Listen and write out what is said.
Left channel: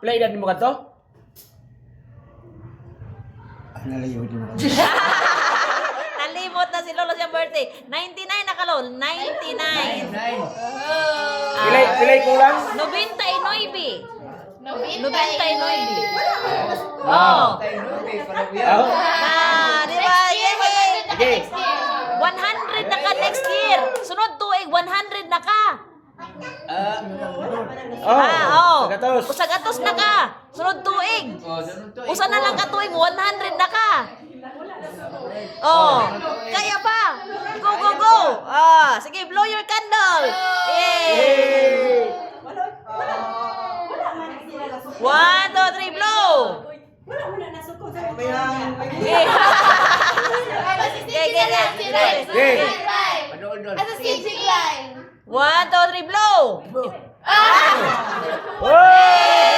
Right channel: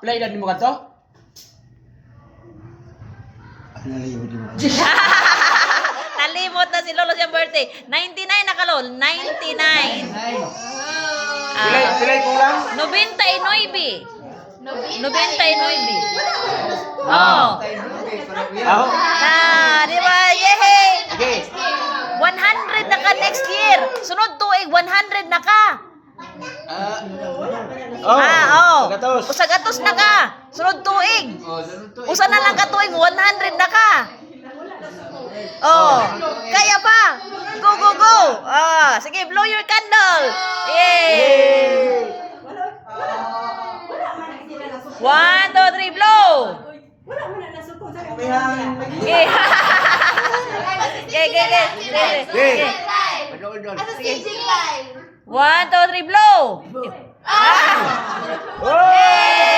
Pila edad mo kadto? Nalimot mo. Nalimot na si Lolo siyang birthday. 99 na ka, Lol. 99. Pila kulang? 99. 99. Oh. Ako. Di ba? Yehey! Sige. 100 na ka next year. Sunod tuig, 100 na ka. Oh. Gatos. Usagatos na ka. Sunod tuig. Usa na lang ka tuig, 100 na ka. Oh. Kaya pa. Go, go, go. Ah, sige, blow your candle. Yay! 1, 2, 3, blow. Okay. Okay. Sige. 1, 2, 3, blow. Oh!